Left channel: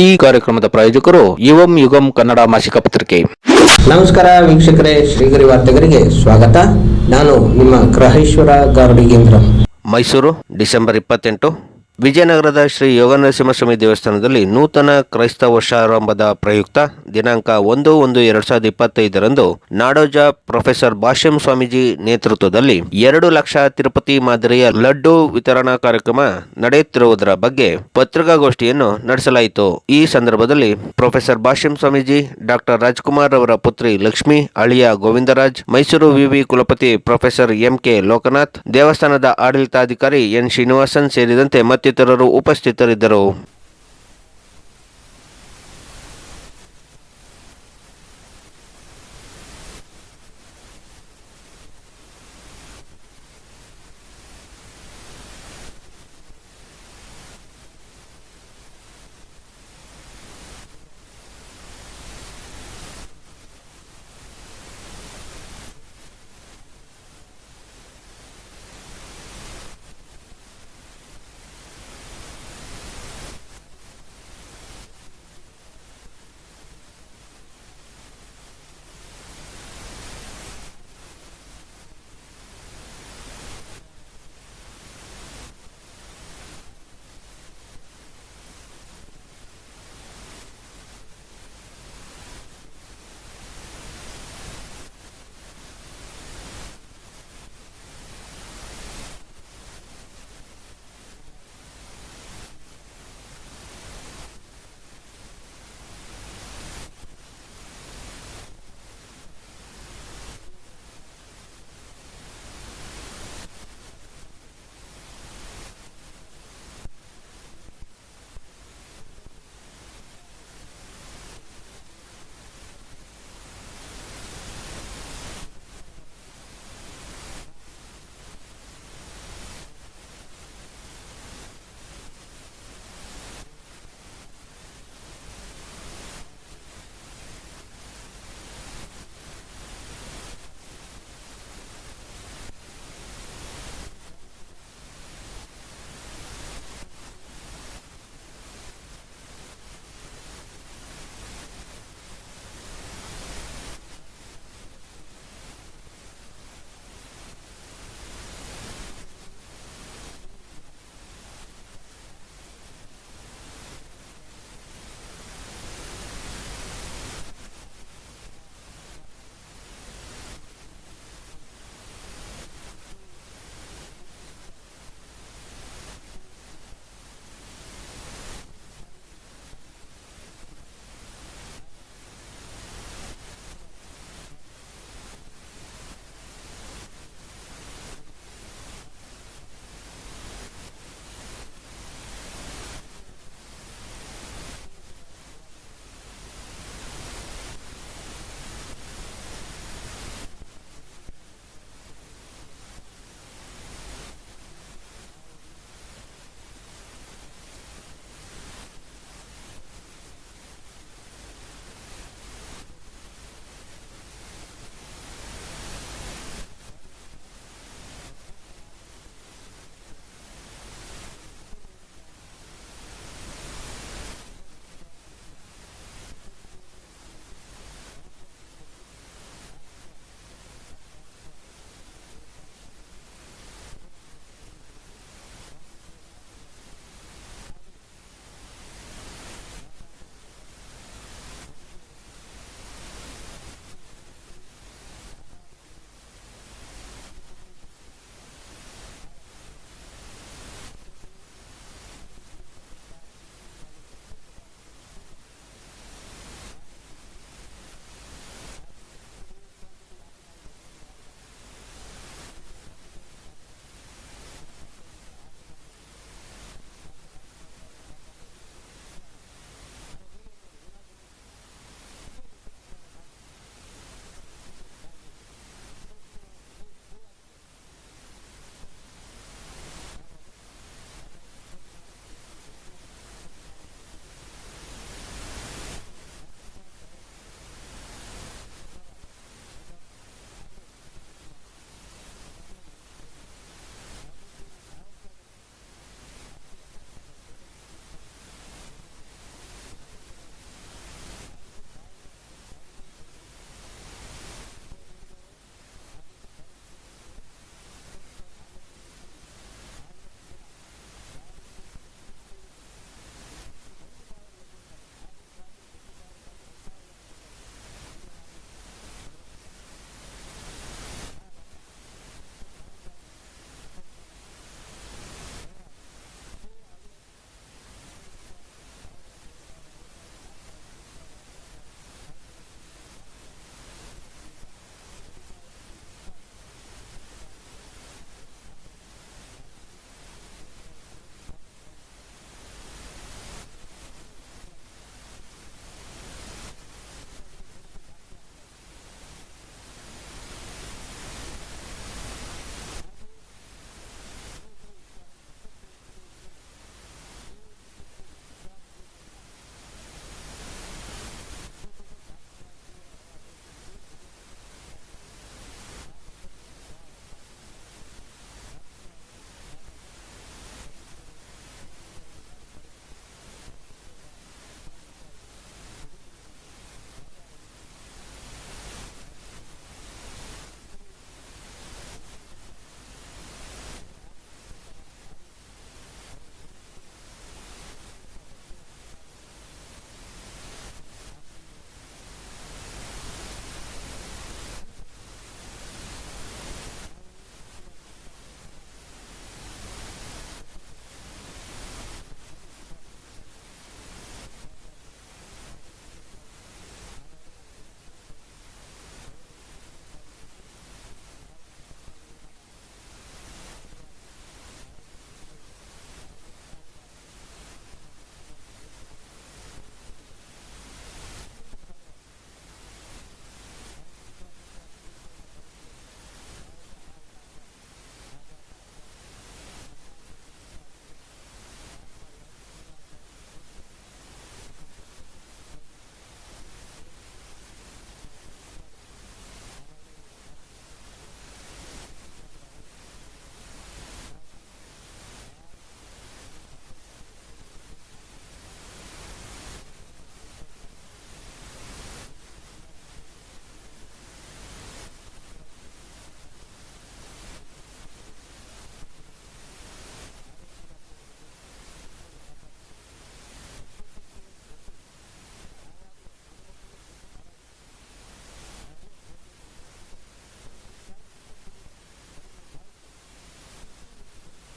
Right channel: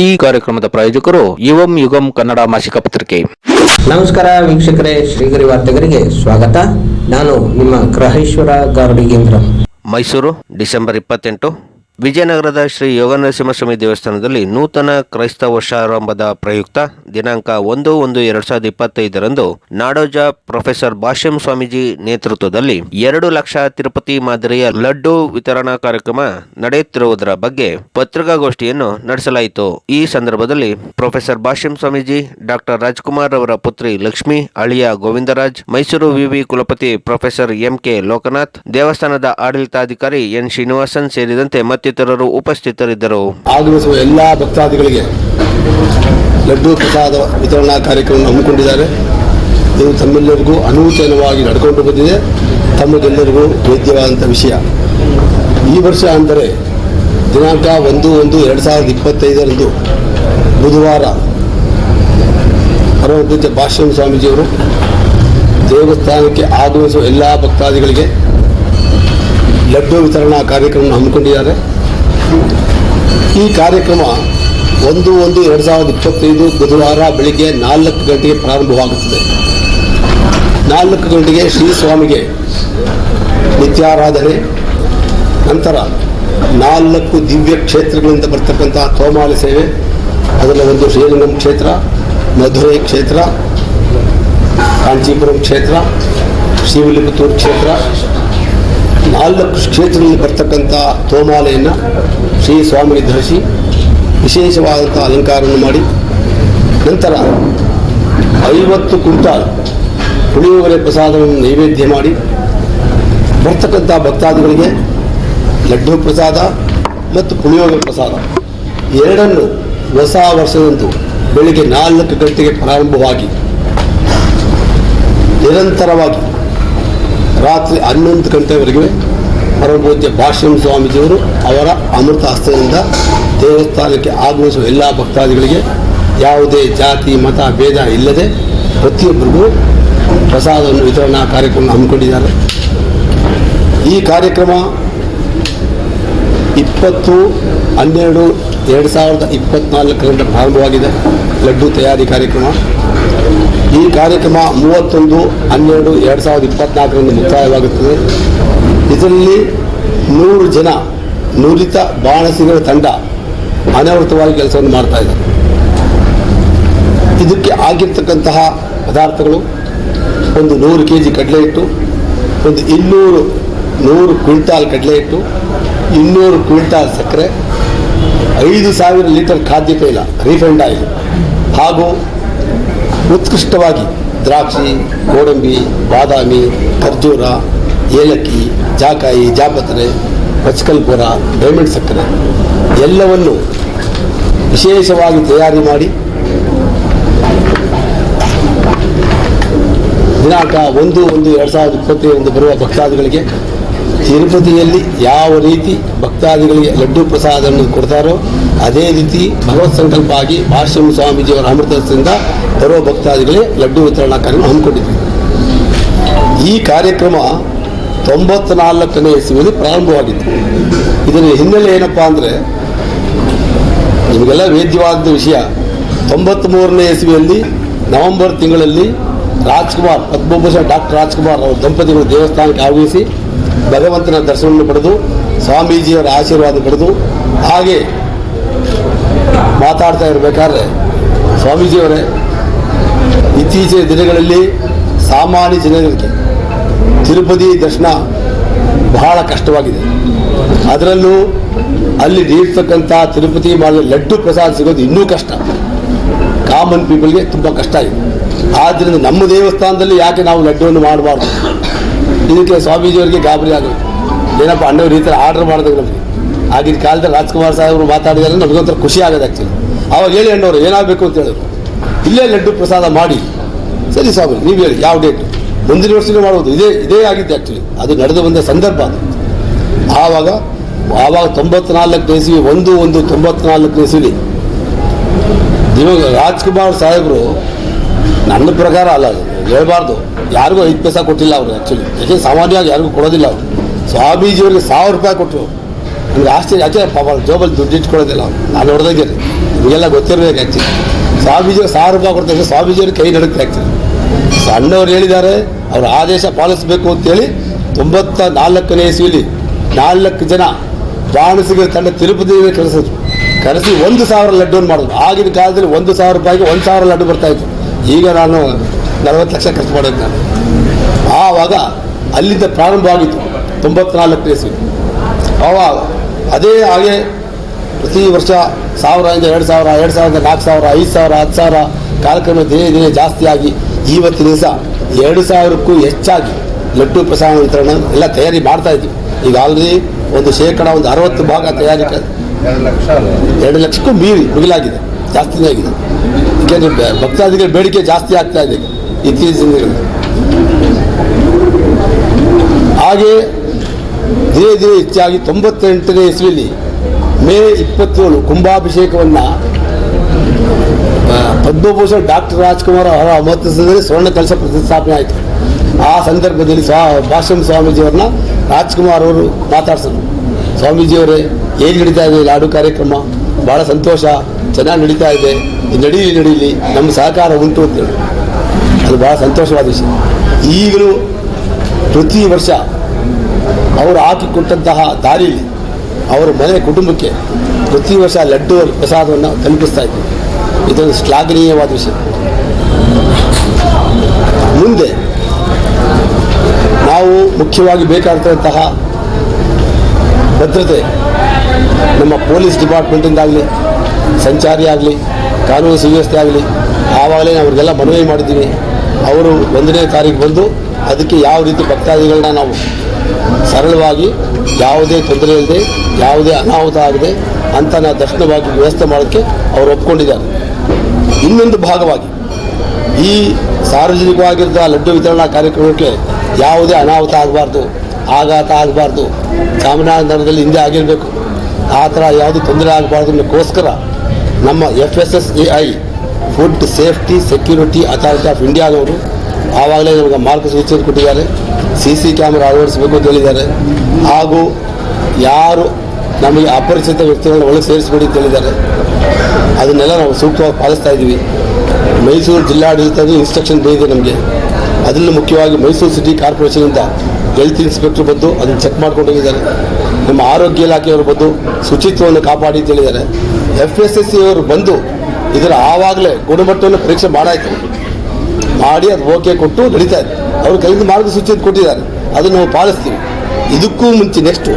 ಈ ಕಾರ್ಯಕ್ರಮದ ಪ್ರಾಯೋಜಕರು ಯುವಂ ಯುಗಂ ಕನ್ನಡ ಮಾಸಿಕ ಪತ್ರಿಕೆ. ನಮಸ್ಕಾರ ವೀಕ್ಷಕರೇ, ಶ್ರೀಗರಿ ವಾರ್ತೆಗರಿಗೆ ಸ್ವಾಗತ. ನಾನು ನಿಮ್ಮ ಗ್ರಹೇಶ್ವರ ಗಾರ್ಡಿಗೇಂದ್ರ. ಮೈಸೂರು ಡಿಸೆಂಬರ್ 28. ವಿಜಯನಗರದ ಶ್ರೀ ಯೋಗನರಸಿಂಹಸ್ವಾಮಿ ದೇವಸ್ಥಾನದಲ್ಲಿ ನೂತನ ಕ್ರೈಸ್ತ ವರ್ಷಾರಂಭದ ಪ್ರಯುಕ್ತ ದಿನಾಂಕ 1/1/2025 ನಾಡೋಜ ಪ್ರೊಫೆಸರ್ ಭಾಷ್ಯಂ ಸ್ವಾಮೀಜಿ ನೇತೃತ್ವದಲ್ಲಿ 2 ಲಕ್ಷ ತಿರುಪತಿ ಮಾದರಿಯ ಲಡ್ಡು ವಿತರಣಾ ಕಾರ್ಯಕ್ರಮ ನಡೆಯುತ್ತಿರುವುದರ ಬಗ್ಗೆ ಪತ್ರಿಕಾಗೋಷ್ಠಿಯನ್ನು ನಡೆಸಲಾಯಿತು. ಈ ಸಂದರ್ಭದಲ್ಲಿ ಪ್ರೊಫೆಸರ್ ಭಾಷ್ಯಂ ಸ್ವಾಮೀಜಿ, ಡಾಕ್ಟರ್ ರಾಜ್ಕುಮಾರ್ ಅವರ ಪುತ್ರಿ ಲಕ್ಷ್ಮಿ, ಅಳಿಯ ಗೋವಿಂದರಾಜ್, ಮೈಸೂರು ವಿವಿ ಕುಲಪತಿ ಪ್ರೊಫೆಸರ್ MK ಲೋಕನಾಥ್, ದೇವಸ್ಥಾನದ ಆಡಳಿತಾಧಿಕಾರಿ N ಶ್ರೀನಿವಾಸನ್ ಸೇರಿದಂತೆ ಮತ್ತಿತರರು ಉಪಸ್ಥಿತರಿದ್ದರು. ಆಗಮಿಸುವ ಎಲ್ಲ ಭಕ್ತಾದಿಗಳಿಗೆ ಲಡ್ಡು ಪ್ರಸಾದ ವಿತರಣಾ ಕಾರ್ಯಕ್ರಮ ಹಮ್ಮಿಕೊಂಡಿದ್ದಾರೆ. ಇದು ತಮ್ಮೆಲ್ಲರಿಗೂ ಅನೂತನವಾಗಿ ನಡ್ಕೊಂಡು ಬಂದಿದೆ. ತಮಗೆಲ್ಲರಿಗೂ ವೇದ್ಯವಾದಂಥ ವಿಷಯ. ಈ ವರ್ಷ ಅಂದರೆ ದಿನಾಂಕ 1/1/2025 ಬುಧವಾರ ಪರಮಪೂಜ್ಯ ಭಾಷ್ಯಂ ಸ್ವಾಮೀಜಿಯವರು ದೇವಸ್ಥಾನಕ್ಕೆ ಆಗಮಿಸುವ ಎಲ್ಲ ಭಕ್ತಾದಿಗಳಿಗೆ ಲಡ್ಡು ವಿತರಣಾ ಕಾರ್ಯಕ್ರಮ ಹಮ್ಮಿಕೊಂಡಿದ್ದಾರೆ. ಈ ಕಾರ್ಯಕ್ರಮ 1/1/2025 ಬುಧವಾರ ಬೆಳಿಗ್ಗೆ 4 ಗಂಟೆಗೆ ಪ್ರಾರಂಭವಾಗುತ್ತದೆ. 4 ಗಂಟೆಗೆ ಶ್ರೀ ಸ್ವಾಮಿಗೆ ನಿತ್ಯಾರಾಧನೆ, ನಂತರ 4 ದಿವ್ಯ ಕ್ಷೇತ್ರಗಳಿಂದ ಬರ್ತಕ್ಕಂಥ ತೋಮಾಲೆ ಸೇವೆ. ಅದರಲ್ಲಿ ಒಂದು ಶ್ರೀರಂಗಂ ಕ್ಷೇತ್ರ, ಮಧುರೈ ಕ್ಷೇತ್ರ, ಕಾಂಚೀಪುರಂ ಕ್ಷೇತ್ರ, ಶ್ರೀವಿಲ್ಲಿಪುತ್ತೂರು ಕ್ಷೇತ್ರ, 4 ಕ್ಷೇತ್ರದಲ್ಲಿ ಬರ್ತಕ್ಕಂಥ ತೋಮಾಲೆಯನ್ನು ಶ್ರೀ ಸ್ವಾಮಿಗೆ ಧರಿಸಿ ವಿಶೇಷವಾದಂಥ ಅಲಂಕಾರವನ್ನು ಮಾಡಿ, ನಂತರ 50 ಕ್ವಿಂಟಾಲ್ ಪುಳಿಯೋಗರೆ ಪ್ರಸಾದವನ್ನು ನೈವೇದ್ಯ ಮಾಡಿ ಬರ್ತಕ್ಕಂಥ ಭಕ್ತಾದಿಗಳಿಗೆ ಲಡ್ಡು ಪ್ರಸಾದ ಮತ್ತು ಪುಳಿಯೋಗರೆ ಪ್ರಸಾದ ಎರಡನ್ನು ಹೊಸ ವರ್ಷದಂದು ಬೆಳಿಗ್ಗೆ 4 ಗಂಟೆಗೆ ಪ್ರಾರಂಭವಾಗಿ ನಿರಂತರವಾಗಿ ರಾತ್ರಿ 11 ಗಂಟೆವರೆಗೆ ಪರಮಪೂಜ್ಯ ಭಾಷ್ಯಂ ಸ್ವಾಮೀಜಿಯವರು ಅವರ ಅಮೃತ ಹಸ್ತದಿಂದ ದೇವಸ್ಥಾನಕ್ಕೆ ಆಗಮಿಸುವ ಎಲ್ಲ ಭಕ್ತಾದಿಗಳಿಗೆ ಯಾವುದೇ ಜಾತಿ ಮತ ಭೇದ ಇಲ್ಲದೆ ಪ್ರತಿಯೊಬ್ಬರಿಗೂ ಪ್ರಸಾದವನ್ನು ವಿತರಣಾ ಕಾರ್ಯಕ್ರಮ ಹಮ್ಮಿಕೊಂಡಿದ್ದಾರೆ. ಈ ಕಾರ್ಯಕ್ರಮ 20/12/2024 ಪ್ರಾರಂಭವಾಗಿದೆ. ಲಡ್ಡು ತಯಾರಿ ಕಾರ್ಯಕ್ರಮ. ಈ ಕಾರ್ಯಕ್ರಮ 31/12/2024 ಮುಕ್ತಾಯವಾಗುತ್ತದೆ. ಇದರಲ್ಲಿ 100 ಜನ ನುರಿತ ಬಾಣಸಿಗರ ತಂಡ ಅನಾವೃತವಾಗಿ ಕೆಲಸವನ್ನು ಮಾಡ್ತಾ ಇದ್ದಾರೆ. ಇದಕ್ಕೆ ಆಗಿರ್ತಕ್ಕಂತಹ ಪದಾರ್ಥಗಳು ಒಂದು 100 kg ಕಡಲೆ ಹಿಟ್ಟು, ಒಂದು 100 ಕ್ವಿಂಟಾಲ್ ಕಡಲೆ ಹಿಟ್ಟು, 200 ಕ್ವಿಂಟಾಲ್ ಸಕ್ಕರೆ, 5,000 ಲೀಟರ್ ಖಾದ್ಯ ತೈಲ ರಿಫೈಂಡ್ ಆಯಿಲ್ ಹಾಗೂ ಉತ್ಕೃಷ್ಟವಾಗಿ ದ್ರಾಕ್ಷಿ, ಗೋಡಂಬಿ, ಬಾದಾಮಿ, ಖರ್ಜೂರ, ಏಲಕ್ಕಿ, ಜಾಕಾಯಿ, ಜಾಪತ್ರೆ, ಪಚ್ಕಲ್ಪುರ, ಡೈಮಂಡ್ ಸಕ್ಕರೆ ಎಲ್ಲವನ್ನು ವಿಶೇಷವಾಗಿ ತಯಾರಿ ಮಾಡಿ ದಿನಾಂಕ 1/1/2025 ಬರುವ ಭಕ್ತಾದಿಗಳಿಗೆ ತಿರುಪತಿಯಲ್ಲಿ ಯಾವ ರೀತಿ ಭಕ್ತಾದಿಗಳಿಗೆ ಲಡ್ಡು ಪ್ರಸಾದವನ್ನು ಕೊಡ್ತಾರೋ ಅದೇ ರೀತಿ ಭಗವತ್ ಸಂಕಲ್ಪ ಆಗಿ ಭಾಷ್ಯಂ ಸ್ವಾಮೀಜಿಯವರ ಅಮೃತದಿಂದ ಬರುವ ಭಕ್ತಾದಿಗಳಿಗೆ ಲಡ್ಡು ವಿತರಣಾ ಕಾರ್ಯಕ್ರಮ ಹಮ್ಮಿಕೊಂಡಿದ್ದೀವಿ. ಈ ಕಾರ್ಯಕ್ರಮ 94ನೇ ಇಸವಿಯಲ್ಲಿ ಪ್ರಾರಂಭವಾಗಿತ್ತು. ಇದರ ಹಿನ್ನೆಲೆ ಏನಪ್ಪ ಅಂದರೆ, ನಿಮಗೆಲ್ಲ ವೇದ್ಯವಾದ ವಿಷಯ, 93ನೇ ಇಸವಿಯಲ್ಲಿ ನವೆಂಬರ್ ತಿಂಗಳಲ್ಲಿ ರಾಜ್ಕುಮಾರ್, ಪದ್ಮಭೂಷಣ್ ಡಾಕ್ಟರ್ ರಾಜ್ಕುಮಾರ್ ಅವರ ದಂಪತಿಗಳು ದೇವಸ್ಥಾನಕ್ಕೆ ಆಗಮಿಸಿ ಭಗವಂತನ ದರ್ಶನವನ್ನು ಪಡೆದು ಸ್ವಾಮೀಜಿಯವರ ಆಶೀರ್ವಾದ ಪಡೆದು ಹಾಗೆ ಮಾತಾಡ್ತಾ ಇರಬೇಕಾದ್ರೆ ಸ್ವಾಮೀಜಿಯವರೇ, ಇತ್ತೀಚಿನ ದಿನಗಳಲ್ಲಿ ಸಾಮಾನ್ಯ ಜನರಿಗೆ ತಿರುಪತಿ ದರ್ಶನ ಬಹಳ ಕಷ್ಟವಾಗಿದೆ. ಅದರಲ್ಲೂ ಅಲ್ಲಿ ನೀಡ್ತಕ್ಕಂಥ ತಿರುಪತಿ ಮಾಡಿದ ಲಡ್ಡು ಪ್ರಸಾದ ಸಿಗೋದು ಇನ್ನೂ ಕಷ್ಟ. ಕಾಮನ್ ಪೀಪಲ್ಗೆ ತುಂಬ ಕಷ್ಟ ಇದೆ. ಆದ್ದರಿಂದ ನಮ್ಮ ದೇವಸ್ಥಾನದಲ್ಲಿ ಯಾಕೆ ನಾವು ಲಡ್ಡುವನ್ನು ಮಾಡಬಾರ್ದು? ಇದಕ್ಕೆ ಸ್ವಾಮೀಜಿಯವರಿಗೆ ಗಾಬರಿ ಆಗೋದು. ಏನಪ್ಪ ಅಣ್ಣವ್ರು ಈ ಥರ ಆರ್ಡರ್ ಮಾಡಿದಾಗ ನಮಗೆ ಆಗಿನ ಕಾಲದಲ್ಲಿ ರಾಜ್ಕುಮಾರ್ ಸಾಹೇಬರು ಮಾತಾಡಿದರೆ ನಮಗೊಂಥರ ಖುಷಿ ಆಗೋದು. ಆ್ಯಕ್ಚುಲಿ ಆವಾಗ ಹೇಳಿ ಅಣ್ಣವ್ರು ಏನಾಗಬೇಕು ಅಂತ ಹೇಳಿದ್ರು, ಇಲ್ಲೇ ಲಡ್ಡು ಪ್ರಸಾದ ಮಾಡಿ. ಸರಿ ಸ್ವಾಮಿ, ನೀವು ಹೇಳಿ ಯಾವ ಡೇಟ್, ಮುಂದಿನ ವರ್ಷವೇ ಮಾಡ್ಬೋದು. ಇದೇ ಆಗಿದ್ದು ಆ್ಯಕ್ಚುಲಿ, ಅದು ನಡೆದು ಬಂದ ಸಂದರ್ಭ ಅದು. ಆವಾಗ 94ನೇ ಇಸವಿ 1/1/94 ಇಸವಿ ಇವಾಗ ರಾಜ್ಕುಮಾರ್ ಸಾಹೇಬರು, ನನ್ನ ಪ್ರಕಾರ ಅಲ್ಲ ಹೇಳ್ಬಾರ್ದು, ಯಾರಿಗೂ 5 ಪೈಸಾ ಕೊಟ್ಟಿಲ್ಲ ಅವರು. ಆ್ಯಕ್ಚುಲಿ ಯಾಕೆ ಸಾಮಾನ್ಯವಾಗಿ ಯಾರಿಗೂ ಕೊಡೋದಿಲ್ಲ ಅವರು. ಸ್ವಾಮೀಜಿಯವರಿಗೆ 1,000 ರೂಪಾಯಿ ಕೊಟ್ಟರು. ನನಗೆ ಆಶ್ಚರ್ಯ, ಯಾಕೆ ಪಾಪ ಜೋಬಲ್ಲಿ ದುಡ್ಡು ಇಟ್ಕೊಳ್ಳೋದಿಲ್ಲ. ನಾನು ಹೊಡೆದಾಗೆ ನಿಮಗೆಲ್ಲ ಗೊತ್ತಿರಬೇಕು. ಆ್ಯಕ್ಚುಲಿ ಸ್ವಾಮೀಜಿ 1000 ರೂಪಾಯಿ ಕೊಡ್ತಾರೆ, ಸ್ವಾಮೀಜಿಯವ್ರ ಕೈ ನಡುತ್ತೆ. ಆ್ಯಕ್ಚುಲಿ ಸಣ್ಣವ್ರು ಹೇಳಿದ್ದಾರೆ, ಅವರ ಆದೇಶ ಪಾಲಿಸಬೇಕು ಅಂತೇಳಿ 94ನೇ ಇಸ್ವಿಲಿ 4 ಜನ ಬಾಣಸಿಗರ ತಂಡ ತಿರುಪತಿಗೆ ಕರೆಸಿ 1000 ಲಡ್ಡುವನ್ನು ಮಾಡೋದು. ಆಗಿನ ಕಾಲದಲ್ಲಿ 1000 ರೂಪಾಯಿಗೆ 1000 ಲಡ್ಡು ಬರ್ತಾಯಿತ್ತು. ಈಗ ನಾನು 40 ಲಕ್ಷ ಖರ್ಚು ಮಾಡೋದು. ನಾನು ಆವಾಗ ಅಲ್ಲಿಂದ ಪ್ರಾರಂಭವಾಗಿತ್ತು 94ನೇ ಇಸ್ವಿ. ಆವಾಗ ಅದೇ ಹಾಗೆ ಪ್ರತಿ ವರ್ಷ 1000 2000 2000 4000 5000 10,000 ಕಾರ್ಯಕ್ರಮ ದಿನೇ ಜಾಸ್ತಿಯಾಗಿ ಇವತ್ತಿನ ದಿವಸ 2000ಕ್ಕೂ ಹೆಚ್ಚಾಗಿ ಲಡ್ಡು ಪ್ರಸಾದ ವಿತರಣೆ ಎಲ್ಲ ತಯಾರಿ ಮಾಡ್ತಾ ಇದ್ವಿ. ಈಗ ಆಲ್ರೆಡಿ ಒಂದು 60% ತಯಾರಿ 2 ಲಕ್ಷಕ್ಕೂ ಮಿಗಿಲಾಗಿದೆ, ಜಾಸ್ತಿನೇ ಆಗಿದೆ. ಏಕೆಂದರೆ ಭಕ್ತಾದಿಗಳ ಬೇಡಿಕೆ ಜಾಸ್ತಿ ಆಗ್ತಾ ಇದೆ ಇತ್ತೀಚಿನ ದಿನಗಳಲ್ಲಿ. ಹಾಗೆ ದಿನೇ ಹೆಚ್ಚಾಗಿ 98ನೇ ಇಸ್ವಿಲಿ ಮೇ 27 ಕುಂಭಾಭಿಷೇಕವನ್ನು ಪದ್ಮಭೂಷಣ್ ಡಾಕ್ಟರ್ ರಾಜ್ಕುಮಾರ್ ಅವರ ಅಮೃತಸರದಲ್ಲಿ ಸ್ವರ್ಣ ಕಲಶ ಪ್ರತಿಷ್ಠಾಪನೆ ಆಯಿತು. ಆ ಸಂದರ್ಭದಲ್ಲಿ ಭಾಷ್ಯಂ ಸ್ವಾಮೀಜಿಯವ್ರನ್ನ ರಾಜ್ಕುಮಾರ್ ಅವರು ಮಾತಾಡ್ಸಿದ್ರು. ಸ್ವಾಮೀಜಿಯವರೇ, ಹೇಗೆ ನಡೀತಾ ಇದೆ ಲಾಡು ಕಾರ್ಯಕ್ರಮ? ಭಾಳ ಸಂತೋಷ, ಚೆನ್ನಾಗಿ ನಡೀತಾ ಇದೆ, ನಡೀಲಿ ನಮ್ಮ ಸಹಕಾರ ಉಂಟು ಅಂತೇಳಿ. ಅದು ಭಾಳ ಸಂತೋಷವಾದ ವಿಷಯ. ಈಗಲೂ ಪ್ರತಿ ವರ್ಷ ಅವರು ಹಾಕಿಕೊಟ್ಟಂತಹ ದಾರಿಯಲ್ಲಿ ಅವರ ಮನೆ ಕುಟುಂಬಕ್ಕೆ ಪ್ರತಿ ವರ್ಷ ಲಡ್ಡು ಪ್ರಸಾದವನ್ನು ತಲುಪಿಸ್ತಾ ಇದ್ದರು. ಇದೊಂದು ಶ್ಲಾಘನೀಯವಾದ ವಿಷಯ. ಮುಂದೆ ನಾವು ಮುಖ್ಯವಾಗಿ ಬೇಕಾದಂತಹ ಭದ್ರತೆ ನಮ್ಮ ಪೊಲೀಸ್ ಡಿಪಾರ್ಟ್ಮೆಂಟಿಂದಾಗಲಿ, ಸಂಚಾರಿ ಆಗಲಿ, ಕಾನೂನು ಸುವ್ಯವಸ್ಥೆ ಆಗಲಿ, ಆವಾಗಲೇ ಅವ್ರಿಗೆಲ್ಲ ಮನವಿ ಮಾಡಿದ್ದೀವಿ. ಅವರು 1ನೇ ತಾರೀಕು ಬಂದು ಅದಕ್ಕೆ ಯಾವ ರೀತಿ ಭಕ್ತಾದಿಗಳನ್ನ ನಾವು ಸರಳವಾಗಿ, ಯಾವುದೇ ತೊಂದರೆ ಇಲ್ಲದೆ, ಯಾವುದೇ ಅನಾಹುತ ಆಗದೆ ಅಂತ ನಾವು ದರ್ಶನವಾಗಿ ವ್ಯವಸ್ಥೆ ಮಾಡೋಕ್ಕೆ ಅವರು ಒಪ್ಕೊಂಡಿದ್ದಾರೆ. ಇನ್ನೊಂದು ಭಾಗವಾಗಿ ಈ ಸಾರ್ವಜನಿಕವಾಗಿದ್ದ ಲಡ್ಡು ವಿತರಣಾ ಕಾರ್ಯಕ್ರಮಕ್ಕೆ ಯಾವುದೇ ಅನಾಹುತ ಆಗಬಾರ್ದು, ಆಘಾತ ಆಗಬಾರ್ದು, ಚಾಮರಾಜನಗರದಲ್ಲಿ ಹಿಂದೆ ಆಗಿರಬೇಕು, ಆ ಥರ ಯಾವುದೇ ತೊಂದರೆ ಆಗಬಾರ್ದು ಅನ್ನೋಕ್ಕೋಸ್ಕರ ನಮ್ಮ FSSAI food safety security authority of ಇಂಡಿಯಾದವರು ಆವಾಗಲೇ ನಮಗೆ ಮಾರ್ಗಸೂಚನೆ ಕೊಟ್ಟಿದ್ದಾರೆ. CC ಕ್ಯಾಮ್ರಾ ಅಳವಡಿಸಬೇಕು ಅಂತ ಹೇಳಿದ್ದಾರೆ. ಹಾಗೂ ಯಾರು ನಮಗೆ ಅಪರಿಚಿತ ವ್ಯಕ್ತಿಗಳನ್ನ ಒಳಗೆ ಸೇರಿಸಬೇಡಿ ಅಂತ ಹೇಳಿದ್ದಾರೆ. ಅದನ್ನೆಲ್ಲ ನಾವು ಸೂಕ್ತವಾಗಿ ಪಾಲಿಸ್ತಾ ಇದ್ದೀವಿ. ಮೈಸೂರು ಜಿಲ್ಲಾಡಳಿತದ ಇನ್ಸ್ಟ್ರಕ್ಷನ್ ಬಂದಿದೆ ನಮಗೆ. ಅದರಲ್ಲೂ ಮುಖ್ಯವಾಗಿ ಮೈಸೂರು ಸಿಟಿ ಕಾರ್ಪೊರೇಷನಿಂದ ಹೆಲ್ತ್ ಇನ್ಸ್ಪೆಕ್ಟರ್ ಬಂದು ಅದನ್ನು ಚೆಕ್ ಮಾಡ್ಕೊಂಡು ಹೋಗಿದ್ದಾರೆ. ನಮ್ಮ ಆರೋಗ್ಯ ಇಲಾಖೆಯವರು ಬಂದು ಶುಚಿತ್ವವನ್ನು ಕಾಪಾಡಿ ಅಂತ ಹೇಳಿದ್ದಾರೆ. FSSAI ಅವರು ಬಂದು ಇದರ ಆವಾಗಲೇ ಗುಣಮಟ್ಟವನ್ನು ಪರೀಕ್ಷೆ ಮಾಡಿ ಅದು ಓಕೆ ಕೊಟ್ಟು ನಡೀತಾ ಇದೆ. ಅವರು ಕೈಯಿಂದ ಮಾರ್ಗಸೂಚಿಯನ್ನು ಕೊಟ್ಟಿದ್ದಾರೆ, ಅದನ್ನು ನಾವು ಪಾಲಿಸ್ತೀವಿ. ಇದಕ್ಕೂ ಮುಂಚೆ ನೆಕ್ಸ್ಟು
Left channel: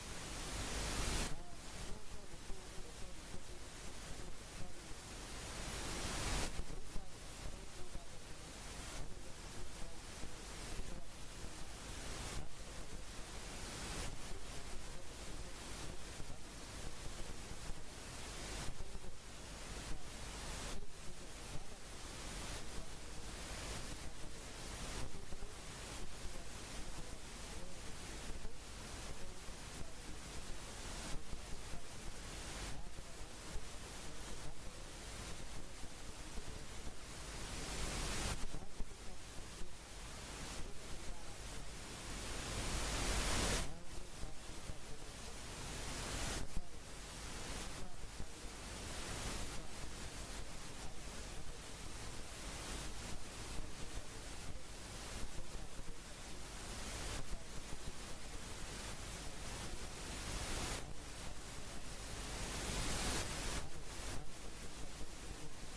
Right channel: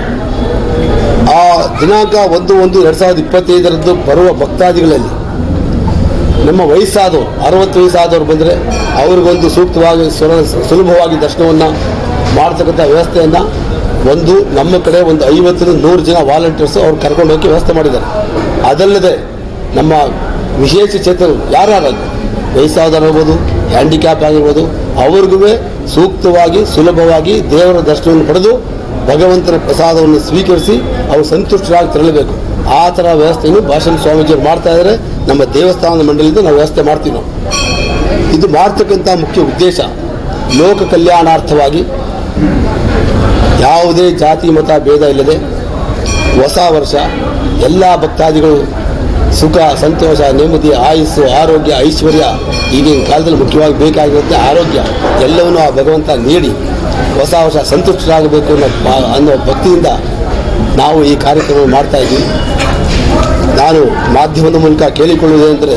ಆ ದಿನಾಂಕ 1/1/2025 ಬರುವ ಭಕ್ತಾದಿಗಳಲ್ಲಿ ನಮ್ಮ ವಯಸ್ಸಾದವರು 60 ವಯಸ್ಸಾದವರು ಬಂದರೆ ಅವ್ರಿಗೊಂದು ಸೂಕ್ತವಾಗಿ ಸುಲಭವಾಗಿ ದರ್ಶನವನ್ನು ಮಾಡ್ತಕ್ಕಂಥ ವ್ಯವಸ್ಥೆಯನ್ನು ನಮ್ಮ ಕಡೆ ಒಂದು 50-100 ಜನ ವಾಲಂಟಿಯರ್ಸು ಅವ್ರು ಕರ್ಕೊಂಡು ಹೋಗಿ ವ್ಯವಸ್ಥೆ ಮಾಡಿದ್ದಾರೆ. ಅದಲ್ಲದೆ ನಮ್ಮ ವಿಶೇಷ ಚೇತನರು ಯಾರಾಗಲಿ, ವಯಸ್ಸಾದವರಾಗಿರ್ಬೋದು, ಹ್ಯಾಂಡಿಕ್ಯಾಪ್ ಆಗಿರ್ಬೋದು, ಅವ್ರಿಗೂ ಸೂಕ್ತವಾಗಿ ಸುಲಭವಾಗಿ ದೇವರ ದರ್ಶನವನ್ನು ಪಡೆದು ಭಗವಂತನ ಪ್ರಸಾದವನ್ನು ಸ್ವೀಕರಿಸಿ ಅವರು ಸಂತುಷ್ಟರಾಗಿ ತೆರಳಬೇಕು. ಆ ಥರ ವ್ಯವಸ್ಥೆಯನ್ನು ಭಾಷಣ ಸ್ವಾಮೀಜಿಯವರು ಮಾಡ್ತಾ ಇದ್ದಾರೆ. ನಮ್ಮ ದೇವಸ್ಥಾನದ ಮಂಡಳಿಯಿಂದ ನಾವು ವ್ಯವಸ್ಥೆ ಮಾಡ್ತೀವಿ. ನಾವು ಇದು ಮಾಡ್ತಕ್ಕಂಥ ಮುಖ್ಯ ಉದ್ದೇಶ ಲೋಕ ಕಲ್ಯಾಣಾರ್ಥವಾಗಿ, ಯಾವುದೇ ಜಾತಿ ಮತ ಭೇದ ಇಲ್ಲದೆ ಹೊಸ ವರ್ಷ ಎಲ್ಲ ಭಕ್ತಾದಿಗಳು ಸುಖ, ಸಂತೋಷ, ನೆಮ್ಮದಿ, ಆಯುಸ್ಸು, ಆರೋಗ್ಯ, ಐಶ್ವರ್ಯ, ಈಗಿನ ಕಾಲದಲ್ಲಿ ಮುಖ್ಯವಾಗಿ ಬೇಕಾಗಿರುತ್ತೆ ಆರೋಗ್ಯ, ಎಲ್ಲವನ್ನೂ ಆ ಭಗವಂತ ನೀಡಿ ಹೊಸ ವರ್ಷ ಸಂತುಷ್ಟರಾಗಬೇಕು ಅನ್ನೋ ಭಕ್ತಿಯಿಂದ ನಾವು ಈ ಕಾರ್ಯಕ್ರಮ ಮಾಡ್ತಾ ಇದ್ದೀವಿ. ನಾನು ಮಾಧ್ಯಮದ ಮೂಲಕ ಕೇಳಿಕೊಳ್ಳುವುದೇನೆಂದರೆ,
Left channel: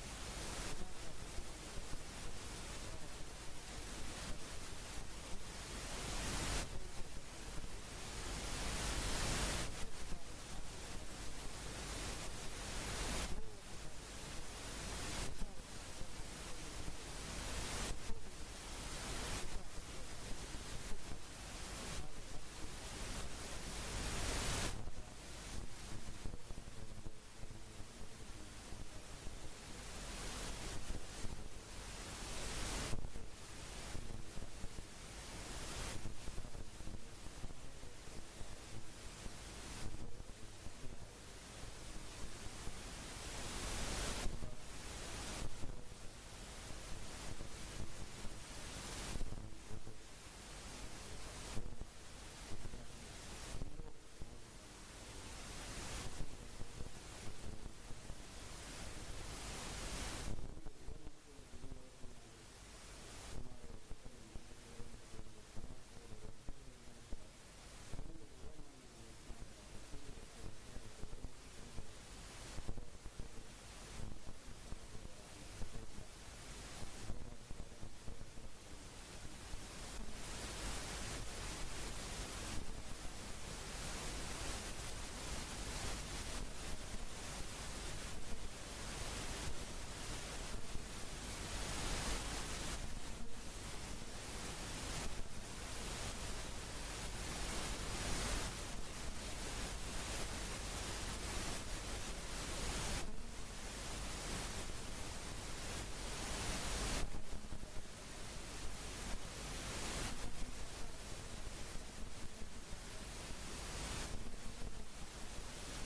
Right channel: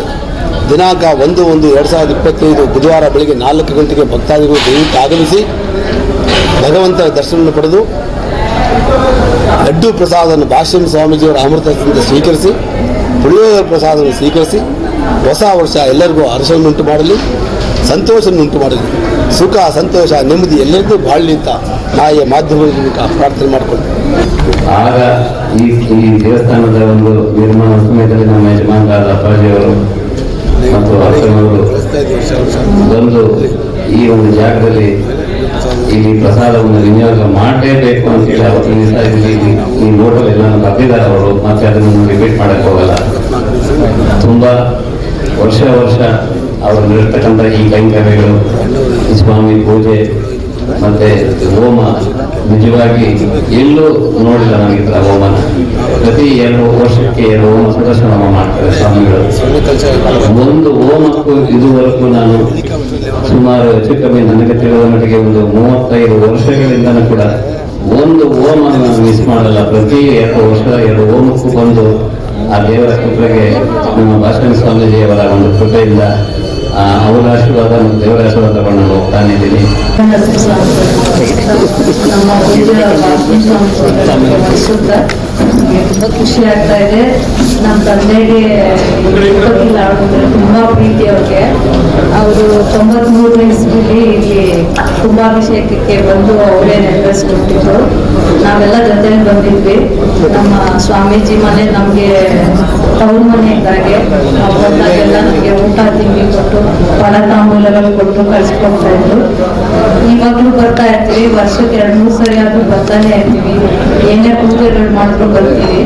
ದಿನಾಂಕ 1/1/2025 ಬುಧವಾರ ಬೆಳಗ್ಗೆ 4 ಗಂಟೆಗೆ ಭಕ್ತಾದಿಗಳು ದಯವಿಟ್ಟು ಆಗಮಿಸಿ ಭಗವಂತನ ದರ್ಶನವನ್ನು ಪಡೆದು ಲಡ್ಡು ಪ್ರಸಾದವನ್ನು ಭಾಷ್ಯಂ ಸ್ವಾಮೀಜಿಯವರ ಅಮೃತದಿಂದ ಸ್ವೀಕರಿಸಿ, ಪುಳಿಯೋಗರೆ ಪ್ರಸಾದವನ್ನು ಸ್ವೀಕರಿಸಿ ಹೊಸ ವರ್ಷ ಎಲ್ಲರಿಗೂ ಹರ್ಷವನ್ನುಂಟು ಮಾಡಲಿ, ಸಂತೋಷವನ್ನುಂಟು ಮಾಡಲಿ, ಸುಖ, ಸಂತೋಷ, ನೆಮ್ಮದಿ ಎಲ್ಲರಿಗೂ ಬಾಳಲಿ ಅಂತ ನಾಯಿ ಮಾಧ್ಯಮದ ಮೂಲಕ ಪ್ರಾರ್ಥನೆ ಮಾಡಿಕೊಂಡು ಆಗ ಈ ದೇವಸ್ಥಾನದ ಒಂದು ನಿರ್ಮಾಣ ಸಮಯದಲ್ಲಿ ನಮ್ಮ ಯಜಮಾನರಾದ ಅಪ್ಪಾಜಿಯವರು ಮತ್ತು ಅಪ್ಪನವರು ಬಂದು ಈ ಒಂದು ಜಾಗದಲ್ಲಿ ಇಲ್ಲಿ ಪ್ರಸಾದವನ್ನು ವಿನಿಯೋಗ ಮಾಡಲೇಬೇಕು ಅಂತೇಳಿ ಅವತ್ತಿನ ದಿವಸ ಇಲ್ಲಿ ಈ ನೋಟಲ್ಲಿ ಎಲ್ಲ ಬರ್ದಿದ್ದಾರೆ ಅವರು. ಮತ್ತೆ ಅದನ್ನು ರಿಪೀಟ್ ಮಾಡಕ್ಕೆ ಹೋಗಲ್ಲ. ತುಂಬಾ ವರ್ಷ ಅವರು ನಡೆಸ್ತಕ್ಕಂಥ ಈ ಕೈಂಕರ್ಯಗಳು, ಸ್ವಾಮಿ ಪೂಜೆ ಮತ್ತೆ ಹೋಮ ನಿಜವಾಗಿ ಎಲ್ಲೂ ನೋಡಿಲ್ಲ ನನಗೆ ಈ ಥರ ಹೋಮನ. ಪ್ರತಿ 2 ವರ್ಷಕ್ಕೆ 2 ಹೋಮ ಸುದರ್ಶನ ಹೋಮ ಮಾಡ್ತಾರೆ ಸ್ವಾಮಿಗಳು. ಒಂದು ಹೋಮಕ್ಕೂ ಇದುವರೆಗೂ ನಾನು ಸುಮಾರು ಹೆಚ್ಚು ಕಮ್ಮಿ ನನಗೆ ತಿಳಿದ ಮಟ್ಟಿಗೆ ಒಂದು 35 ವರ್ಷಗಳಿಂದನೂ ಕೂಡ ಒಂದು ಹೋಮ ನಾನು ಮಿಸ್ ಮಾಡಲ್ಲ. ಪ್ರತಿ 2 ವರ್ಷ 2 ಹೋಮಕ್ಕೂ ಬಂದು ಆ ದೇವರ ಕೃಪೆಗೆ ನಮ್ಮ ಭಾಷಣ ಸ್ವಾಮೀಜಿಯವರ ಒಂದು ಕೃಪೆಯಿಂದ ಅವರ ಆಶೀರ್ವಾದ ಮತ್ತು ದೇವರ ಆಶೀರ್ವಾದ ತಗೊಂಡು ಹೋಗ್ತಾನಿದ್ದೀನಿ. ತುಂಬ ಖುಷಿ ಆಗ್ತಾ ಇದೆ. ನಮ್ಮ ತಂದೆಗೆ ತುಂಬಾ ಪ್ರೀತಿ ಅವ್ರಿಗೆ. ಅವರು 93 ಇಸ್ವಿಲಿ ಇಲ್ಲಿ ಕುಂಭಾಭಿಷೇಕಕ್ಕೆ ಬಂದು ಅವರೇ ನೆರವೇರಿಸ್ಕೊಟ್ಟಿದ್ರು. ನಾವೆಲ್ಲ ಜೊತೆಲಿ ಬಂದಿದ್ವಿ. ನಮ್ಮ ಸ್ವಾಮೀಜಿ ಮನೆ ನಮಗೆ ತವ್ರ ಮನೆ ಇದ್ದಾಗೆ. ನಾವು ಬಂದಾಗೆಲ್ಲ ನಮಗೆ ಊಟ ತಿಂಡಿ ಕೊಟ್ಟು ಫಲ ತಾಂಬೂಲಗಳು ಕೊಟ್ಟು ಕಳ್ಸಿಕೊಡ್ತಾ ಇದ್ರು. ಇವಾಗಲೂ ಬರ್ತಾ ಇರ್ತೀವಿ. ವರ್ಷಕ್ಕೆ 2-3 ಸರಿ ಆದ್ರೂ ಬರ್ತಾನೆ ಇರ್ತೀವಿ. ಏನೇ ಪೂಜೆಗಳು ಮಾಡಿದ್ರು ಬರ್ತೀವಿ.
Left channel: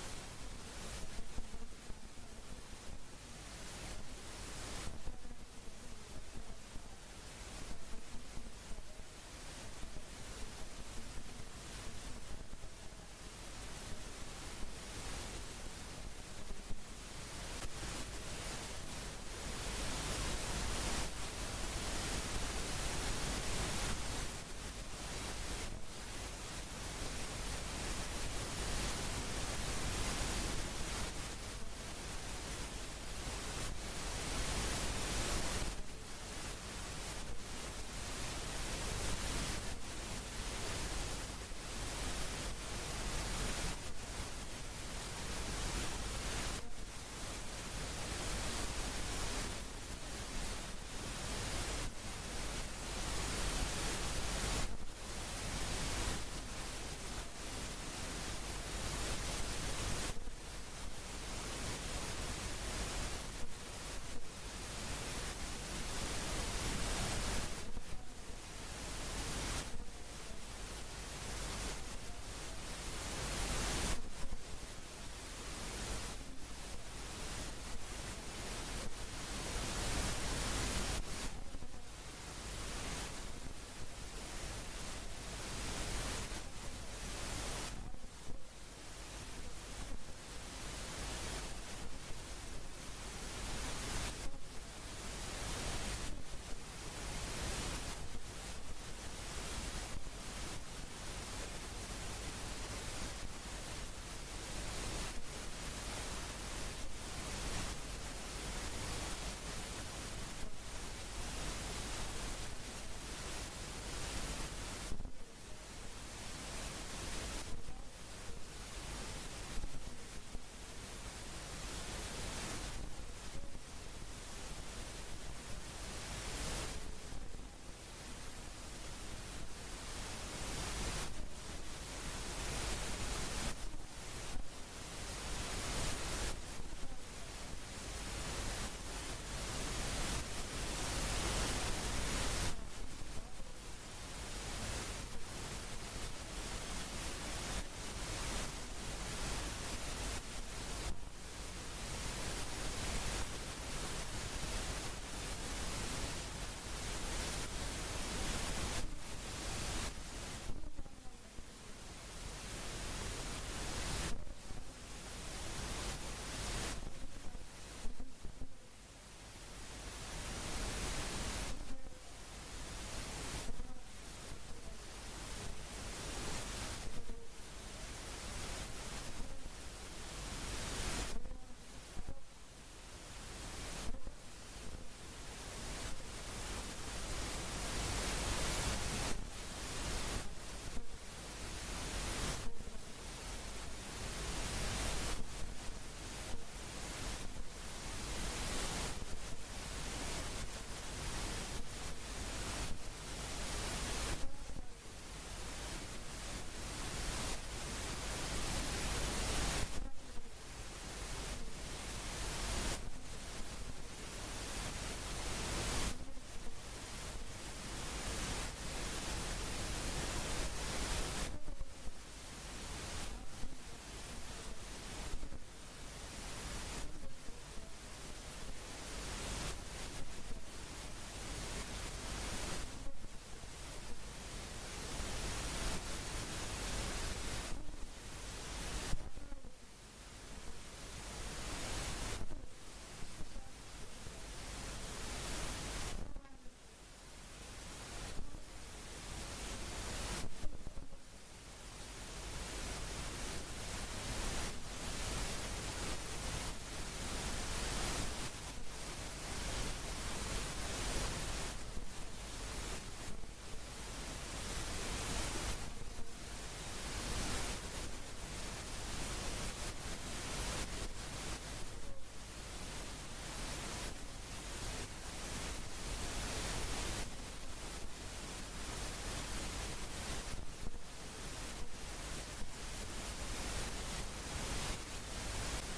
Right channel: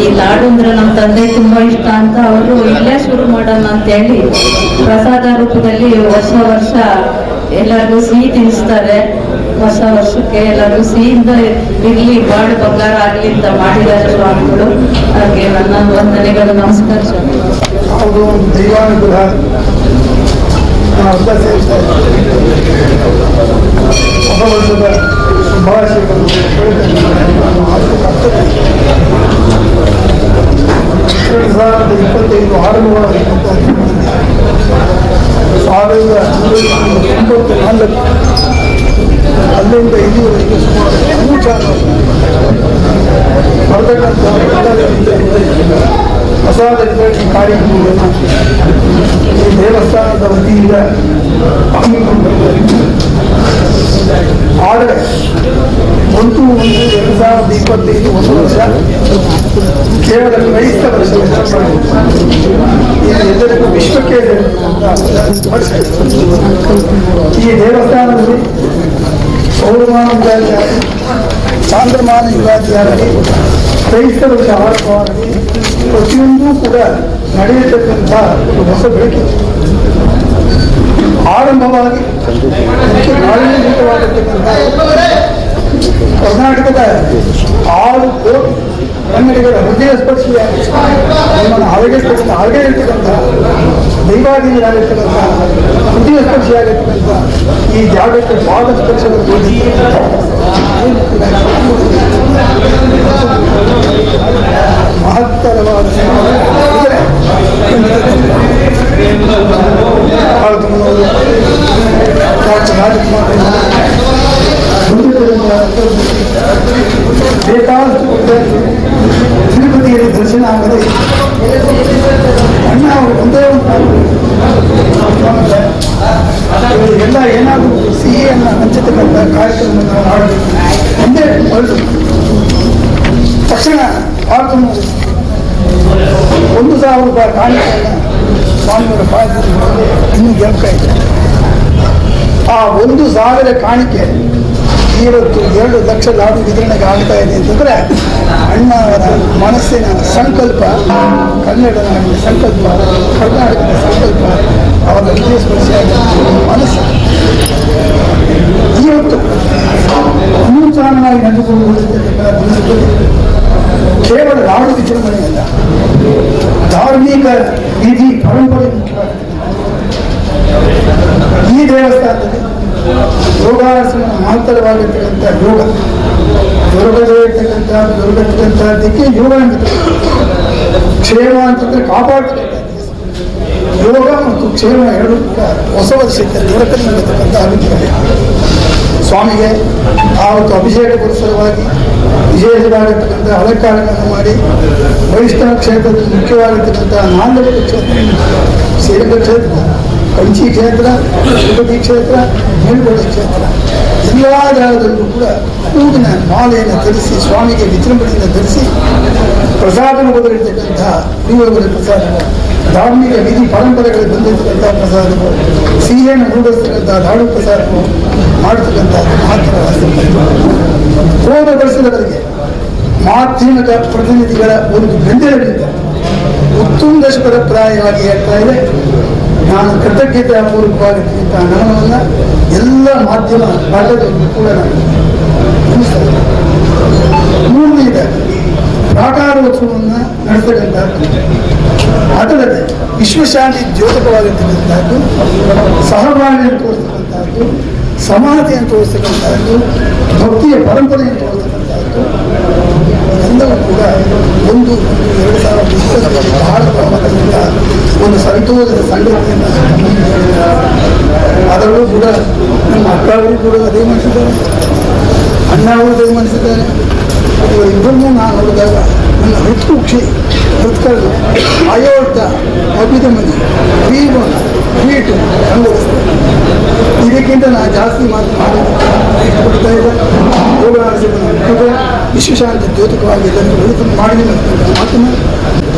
ಈ ಲಾಡು ಅಂದ್ರೆ ನಮ್ಮ ತಂದೆ ತುಂಬಾ ಇಷ್ಟ ಅಂತ ಅವರು ಇಲ್ಲೇ ಶುರು ಮಾಡೋಣ ಅಂತ ಹೇಳಿ ಪ್ರಸಾದ ರೂಪದಲ್ಲಿ ವರ್ಷ ಎಲ್ಲರಿಗೂ ಸಿಹಿ ತಿನ್ನಿಸ್ತಾರೆ. ವರ್ಷಕ್ಕೆ ಎಲ್ಲರಿಗೂ ಸಿಹಿಯಿಂದ ಇರ್ಲಿ, ಬಾಳು ಬಂಗಾರ ಆಗ್ಲಿ ಅಂತ ಮಾಡಿದ್ದಾರೆ ಸ್ವಾಮಿಗಳು. ಹಾಗೆ ನನ್ನ ವಂದನೆಗಳು. ನಮಸ್ಕಾರ ಸ್ವಾಮಿ. ಅವರು ದೈವಾನುಗ್ರಹ ಹೊಸ ವರ್ಷದ ಶುಭಾಶಯಗಳು 2025 ಆರಂಭವಾದಂಥ 1994 ಅಲ್ಲಿಂದ ಇಲ್ಲಿವರೆಗೆ ಸುಮಾರು ಅನುಚಾರ ಬರ್ತಕ್ಕಂಥ ಪ್ರಸಾದ ವಿತರಣೆ ಕಾರ್ಯಕ್ರಮಗಳನ್ನು ಈ ದೇವಸ್ಥಾನದ ವತಿಯಿಂದ ಹಮ್ಮಿಕೊಂಡಿದ್ದಾರೆ. ಆದರೆ 1/1/2025 1 ವರ್ಷ ಕೇವಲ ಕ್ರೈಸ್ತ ವರ್ಷ, ಎಲ್ಲರಿಗೂ ವಿಶ್ವಕ್ಕೆ ವರ್ಷ. ಈ ದೇವಸ್ಥಾನದಲ್ಲಿ ಪೌರ್ಣಮಾನ ಯುಗಾಚಾರ್ಯ, ಚಾಂದ್ರಮಾನ ಯುಗಾಚಾರ್ಯ, ಕ್ರೈಸ್ತ ವರ್ಷ ಆರಂಭವಾಗಿ ಪ್ರತಿಯೊಂದೂ ಕೂಡ ನಡೆಯತಕ್ಕಂಥ ಒಂದು ಹೊಸ ಬೆಳಕಿದೆ. ಆರಂಭವಾಗಿ ನಾಳೀಭೂತವಾಗಿರ್ತಕ್ಕಂಥ ಕರ್ನಾಟಕದ 6 ಕೋಟಿ ಕನ್ನಡಿಗರ ಹೃದಯ ಸ್ಪರ್ಶಿಯಾಗಿ ನಮ್ಮನ್ನು ಹಾಗೆ ಇರ್ತಕ್ಕಂಥ ದೈವಾಧೀನರಾಗಿರ್ತಕ್ಕಂಥ ಹೃದಯ ಸ್ಪರ್ಶಿಯಾಗಿರ್ತಕ್ಕಂಥ ಈ ಜಾಗಕ್ಕೆ ಪಾದ ಸ್ಪರ್ಶದ ಮಹತ್ತರವಾದ ಬೇಕಾದಷ್ಟು ತಿರುಪತಿಯಲ್ಲಿ ದರ್ಶನ ಆಗದೆ ಅಣ್ಣ ಅವರು ಒಂದೇ ಎಲ್ಲ ಏನಾದರೂ ಸಿಹಿಯನ್ನು ಹಂಚತಕ್ಕಂಥ ಕಾರ್ಯಕ್ರಮ ನಾವು ಮಾಡಬೇಕು. ಒಂದೇ ಹೊರಟು ತಕ್ಷಣ ಆರ್ತು 1,000 ರೂಪಾಯಿ ಕಾಣಿಕೆಯನ್ನು ಸ್ವಾಮಿಯವರ ಪಾದದಲ್ಲಿ ಇನ್ನೂ ಜ್ಞಾಪಕ ಇದೆ. ಆ 1,000 ಕಾಣಿಕೆ ಇವತ್ತು 2 ಲಕ್ಷ ಲಾಡು ವಿತರಣೆಗೆ ಆಗ್ತಾ ಇದೆ ಅಂತಂದರೆ ಅಣ್ಣವರ ಮನಸ್ಸಿನ ಸಂಕಲ್ಪ, ಕನ್ನಡದ ಸಂಕಲ್ಪ, ಕರ್ನಾಟಕದ ಸಂಕಲ್ಪ, ಅವರ ಹೃದಯ ಸ್ಪರ್ಶಿಯಾದ ಮನಸ್ಸು ಇವತ್ತು ಅನುಚಾನವಾಗಿ ನಡೆದುಕೊಳ್ಳುತ್ತಿರ್ತಕ್ಕಂಥ ದಿನದಲ್ಲಿ ಕೇವಲ ಲಾಡು ವಿಜೃಂಭಣೆಯಲ್ಲ, ಧಾರ್ಮಿಕ ವಿಧಿ ಪರಂಪರೆ ಮುಖ್ಯವಾಗಿದೆ. ಈ ದೇವಸ್ಥಾನದಲ್ಲಿ ಯೋಗಾಸನ ಮಹತ್ತರವಾಗಿರ್ತಕ್ಕಂಥ ಯೋಗ, ದುರ್ಗದಕ್ಕೆ ಯೋಗ ಅಂತ, ಕ್ಷೇಮ ಅಂತಂದ್ರೆ ಕಾಪಾಡ್ತಕ್ಕಂಥ ಯೋಗ ಮತ್ತು ಕ್ಷೇಮ ಎರಡು ಕೂಡ ಹೊಸ ವರ್ಷಕ್ಕೆ ದೊರಕಲಿರ್ತಕ್ಕಂಥ ಅಭಿಪ್ರಾಯ. ಸ್ವಾಮಿಗೆ ಆವತ್ತು ಅಭಿಷೇಕ ಪುರಸ್ಸರವಾಗಿ ವಿಶೇಷವಾಗಿರ್ತಕ್ಕಂಥ ಅಲಂಕಾರಗಳನ್ನು ಮಾಡಿ ವೈಷ್ಣವ ಕ್ಷೇತ್ರದಲ್ಲಿ ಮುಖ್ಯವಾಗಿರ್ತಕ್ಕಂಥ ನಾಲ್ಕು ಕ್ಷೇತ್ರ, ಶ್ರೀರಂಗ ಕ್ಷೇತ್ರ, ಕಂಚಿ ಕ್ಷೇತ್ರ, ತಿರುಪತಿ ಕ್ಷೇತ್ರ, ಮೇಲ್ಕೋಟೆ ಕ್ಷೇತ್ರ, ಎಲ್ಲ ಜಾಗದಲ್ಲೂ ಕೂಡ ಹೂವಿನ ಮಾಲೆಯನ್ನು ಧರಿಸಿ ಸ್ವಾಮಿಗೆ ವಿಜೃಂಭಣೆಯನ್ನು ಧರಿಸಿ ಪ್ರಸಾದ ರೂಪದಲ್ಲಿರ್ತಕ್ಕಂಥ ಪುಳಿಯೋಗರೆ ಪ್ರಸಾದ, ಧಾರ್ಮಿಕ ವಿಧಿ ಪರಂಪರೆಗಳಿಗೆ ಬಂದಿರತಕ್ಕಂಥ ಪ್ರಸಾದಗಳು, ಸಿಹಿಯನ್ನು ರೂಢಿಸ್ತಕ್ಕಂಥ ಲಾಡು ಪ್ರಸಾದಗಳು ಮಾಡತಕ್ಕಂಥ ಮಾತ್ರ ಹೋದ ವರ್ಷದವರೆಗೆ ಮಾಧ್ಯಮಿಕ ಪ್ರತಿನಿಧಿಗಳ ಒಂದು ಬೆಂಬಲದಿಂದ ಉತ್ತುಂಗ ಪ್ರಾಯವಾಗಿ ಹೇಳ್ತಾ ಇದೆ. ನಾನು ಕೃತಜ್ಞತಾಪೂರ್ವಕವಾಗಿರ್ತಕ್ಕಂಥ ಹಣವನ್ನು ಎಲ್ಲ ಮಾಧ್ಯಮ ಭಾಗದಲ್ಲೂ ಕೂಡ ನಾನು ಮುಗಿಸ್ತಾರೆ. ಮೂರನೇದಾಗಿ ಪ್ರಾಕಾರೋತ್ಸವವನ್ನು ನಡೆಸತಕ್ಕಂಥದ್ದು, ಅದಲ್ಲದೆ ವಿಶ್ವಶಾಂತಿ ದ್ಯೋತಕವಾಗಿರ್ತಕ್ಕಂಥದ್ದು, ಸಹಬಾಳ್ವೆಯನ್ನು ತೋರಿಸ್ತಕ್ಕಂಥದ್ದು, ಸಮಾನತೆಯನ್ನು ತೋರಿಸ್ತಕ್ಕಂಥದ್ದು, ಭಕ್ತಿಯ ಪರಂಪರೆಯನ್ನು ತೋರಿಸ್ತಕ್ಕಂಥದ್ದು ಎಲ್ಲವೂ ಕೂಡ 1-2 ಬಹಳ ಪ್ರಮಾಣದಿಂದ ಒಂದು ಸಂತೋಷದ ಸಂಗತಿಯನ್ನು ಅದರಲ್ಲೂ ಕೂಡ ನಮ್ಮ ಅಕ್ಕ ಅವರು ಕೂಡ ಅದೇ ಮಾಡಿಸಿದ್ದಾರೆ, ಅಣ್ಣ ಅವರು ಅದೇ ಮಾಡಿಸಿದ್ದಾರೆ. ಇವರಿಬ್ಬರನ್ನೂ ನಾನು ನೋಡಿದಾಗ ನನ್ನ ಹೃತ್ಕುಕ್ಷಿ ಹೃತ್ಕರ್ಣ ಆಯೋಡ್ಡ ಅಭಿಧಮನಿ ಭೀಮನ ಭೀಟು ಅನುಭವಿಸ್ತೇನೆ. ಇದಕ್ಕಿಂತ ನಾನು ಜಾಸ್ತಿ ಮಾತನಾಡ್ತಾ ಇದ್ದೆ. ವಿಶ್ವಶಾಂತಿ ದ್ಯೋತಕವಾಗಿ ಇದನ್ನು ಬೆಳೆದು ಮಾಡಿ ಮಾತನ್ನು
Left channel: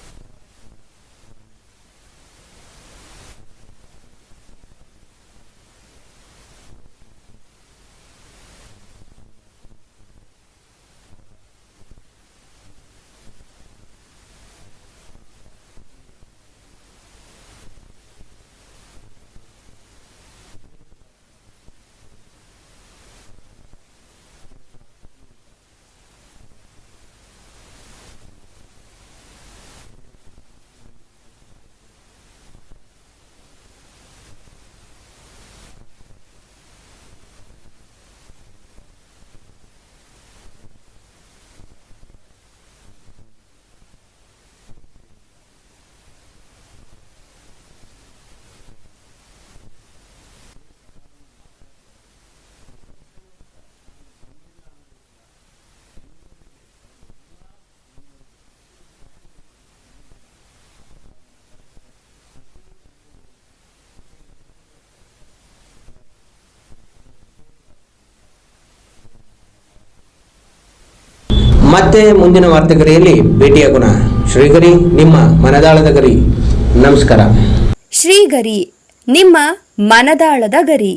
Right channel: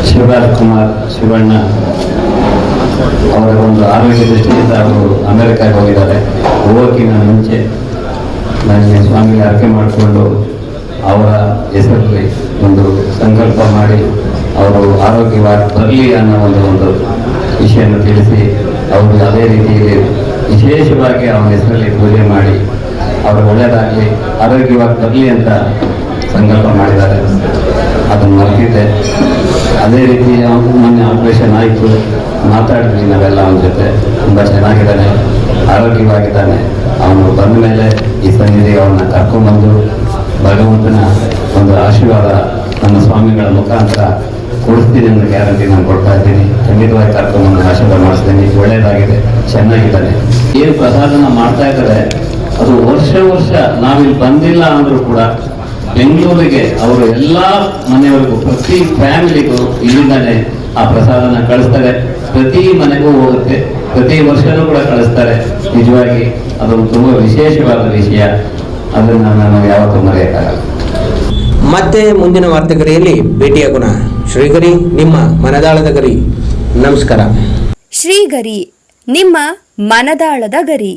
ಶಿವರಾಜ್ ಕುಮಾರ್ ಶಿವಣ್ಣ ಅವರ ಒಂದು ಆರೋಗ್ಯ ದೃಷ್ಟಿಯಿಂದ ಅವರು ಅಮೆರಿಕಾಗೆ ಹೋಗಿದ್ದಾರೆ. ಹೋಗೋಕ್ಕಿಂತ ಮುಂಚೆ ನನಗೆ ಸ್ವಾಮಿಗೆ ಅರ್ಕೆ ಮಾಡಿಕೊಂಡು ಅವರ ಹೆಸರಲ್ಲಿ ಒಂದು ಸಂಕಲ್ಪ ಮಾಡಿ ಅವರು ಆರೋಗ್ಯವಾಗಿ ಬರಲಿ ಅನ್ನೋ ಒಂದು ವಿಷಯವನ್ನು ತಿಳಿಸಿ ಅವರು ಅದೇ ರೀತಿಯಲ್ಲಿ ವಿಶೇಷವಾಗಿ ಅವನ ಹೆಸರಲ್ಲಿ ಪೂಜೆ ಮಾಡಿ ಅವರು ಒಳ್ಳೆಯದಾಗಲಿ ಆರೋಗ್ಯವಾಗಿ ಬರಲಿ ಅಂತ ಸಂಕಲ್ಪ ಮಾಡಿದ್ದಾರೆ. ಅದನ್ನು ಮರೆತಿದ್ದೆ. ಅದೇ ರೀತಿ ಮೊನ್ನೆ ಆಪರೇಷನ್ ಆಯಿತು, ಮಾತಾಡಿದ್ವಿ ನಾವೆಲ್ಲ ಅವನ ಜೊತೆ. ತುಂಬ ಚೆನ್ನಾಗಿದ್ದಾನೆ, ಆರೋಗ್ಯವಾಗಿದ್ದಾನೆ. ಅವನು ಬಂದ ಮೇಲೆ ಈ ಸನ್ನಿಧಿಗೆ ಅವನ್ನ ಕರ್ಕೊಂಡ್ಬಂದು ಭಗವಂತನ ಒಂದು ಆಶೀರ್ವಾದ ನನ್ನ ಸ್ವಾಮಿಗಳ ಮುಖಾಂತರ ಕೊಡಿಸ್ತೀನಿ ಅನ್ನೋ ಗ್ಯಾರಂಟಿ ನಾನು ಕೊಡ್ತಾ ಇದ್ದೀನಿ. ಖಂಡಿತವಾಗಿ ಕರ್ಕೊಂಡ್ಬಂದು ಆಶೀರ್ವಾದ ಮಾಡಿಸ್ತೀನಿ. ಒಳ್ಳೆಯದಾಗಿದೆ, ಚೆನ್ನಾಗಿದ್ದಾನೆ. ಏನು ಪ್ರಸಾದನ ಮಾಡ್ತಾ ಇದ್ದಾರೆ ಅದು ವರ್ಷ ನಾವಿಲ್ಲಿ ಬಂದಿಲ್ಲ ಅಂದರೂ ಕೂಡ ಬೆಂಗಳೂರಿಗೆ ಅವರು ಎಲ್ಲ ಮನೆಯವರಿಗೂ ಪ್ರತಿ ಫ್ಯಾಮಿಲಿಗೂ ಇಲ್ಲಿಂದಾನೆ ಆ ಪ್ರಸಾದನ ಕಳಿಸ್ತಾರೆ. ಪ್ರತಿ ಮನೆಗೂ ಹೋಗುತ್ತೆ, ಪ್ರತಿ ವರ್ಷನೂ ಕೂಡ ಕಳಿಸ್ತಾರೆ. ನಿಜವಾಗಿ ಅದೊಂದು ತುಂಬ ವಿಶೇಷವಾದ ವಿಷಯ. ಅದನ್ನು ನಾನು ಯಾವತ್ತೂ ಮರೆಯಕ್ಕಾಗಲ್ಲ. ಮತ್ತೆ ಮುಂದಿನ ವಾರ್ತೆಗರಿಯಲ್ಲಿ ಭೇಟಿಯಾಗೋಣ. ಶ್ರೀಗರಿ, ನಿಮ್ಮ ಮನದಾಳದ ಗರಿ. ನಮಸ್ಕಾರ. ಶ್ರೀಗರಿ, ನಿಮ್ಮ ಮನದಾಳದ ಗರಿ.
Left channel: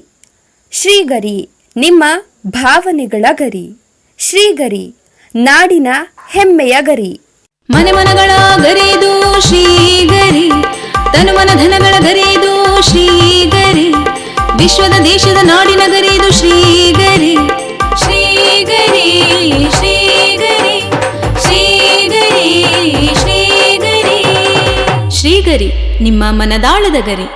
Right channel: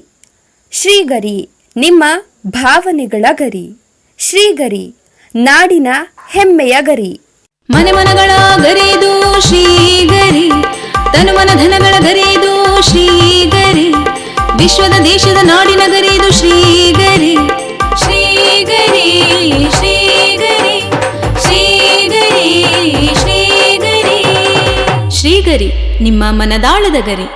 ಶ್ರೀಗರಿ, ನಿಮ್ಮ ಭಾವನೆಗಳ ಗರಿ. ಶ್ರೀಗರಿ, ನಾಡಿನ ಹೆಮ್ಮೆಯ ಗರಿ. ಮನೆ ಮನಗಳ ಗರಿದು ಶ್ರೀಗರಿ, ತನುಮನ ಧನಗಳ ಗರಿದು ಶ್ರೀಗರಿ, ವಿಶ್ವದ ದೇಶದ ನಾಡಿನ ಗರಿದು ಶ್ರೀಗರಿ. ಶ್ರೀಗರಿ ಶ್ರೀಗರಿ ಶ್ರೀಗರಿ ಶ್ರೀಗರಿ ಶ್ರೀಗರಿ, ನಿಮ್ಮ ಮನದಾಳದ ಗರಿ.